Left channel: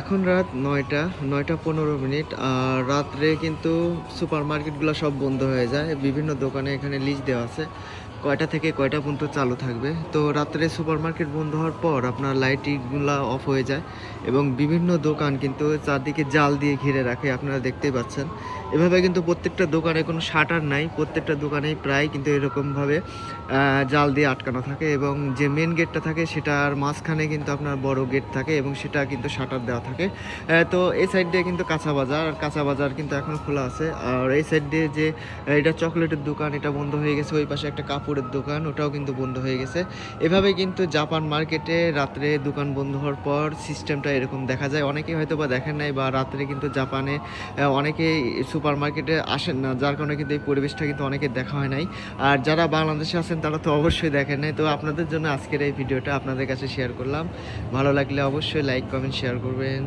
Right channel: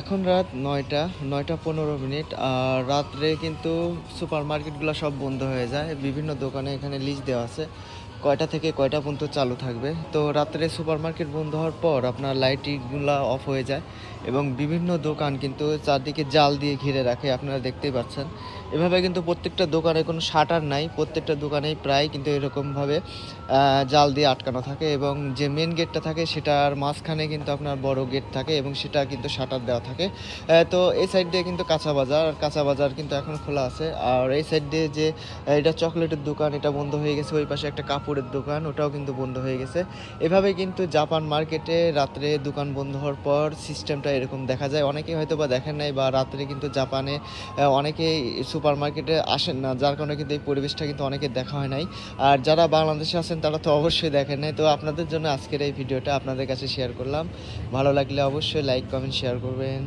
এখন রাত ৯টা ৯টা ১৫ মিনিট। আর রাত্রে কিন্তু সুপার মার্কেটগুলো সব বন্ধ হয়ে যায়। বিভিন্ন দোকানে এখানে লিস্ট দেওয়া আছে কয়টা থেকে কয়টা পর্যন্ত চালু থাকবে। তো রাত্রে সুপার মার্কেট বন্ধ হওয়ার পর আপনার লাইটগুলা অফ হয়ে যায় এবং বিভিন্ন দোকান কিন্তু চারদিকে জাল দিয়ে ঘিরে রাখে, আপনারা দেখতেই পাচ্ছেন। এভাবে কিন্তু প্রত্যেকটা দোকানের কোনো শাটার নাই, প্রত্যেকটা দোকানেই প্রায় কিন্তু এরকমভাবে জাল দিয়ে আটকানো থাকে এবং যে মেন গেটটা থাকে সেটার মাঝখানে কিন্তু আপনার বড় গেট থাকে এবং সেটা কিন্তু শাটার দেওয়া থাকে। তো এই সাইড দিয়ে কিন্তু কাঁচা বাজার, আর কাঁচা বাজার কিন্তু এখন খোলা আছে। আর এই সাইড দিয়ে যে এটা চকলেটের দোকান, এটা বন্ধ হয়ে গেছে। ওই পাশে একটা কাপড়ের দোকান, ওটাও কিন্তু বন্ধ হয়ে গেছে। এভাবে কিন্তু জাপান মার্কেটে রাত্রে দোকান বন্ধ হওয়ার পর সিস্টেমটা এরকম দেখা যায়। অনেকেই হয়তো বা দেখেন নাই, বা রাত্রে কিন্তু জাপানে অনেকেই সুপার মার্কেটে আসেন না, যার কারণে কিন্তু এই পরিবেশটা কিন্তু অনেকের দেখা হয় নাই। আর যারা বাংলাদেশে আছেন তারা তো অবশ্যই দেখেন নাই। তো আপনাদের জন্য আজকের এই ভিডিওটা আপনাদের কাছে শেয়ার করলাম। ভালো লাগলে অবশ্যই লাইক, কমেন্ট, শেয়ার করবেন।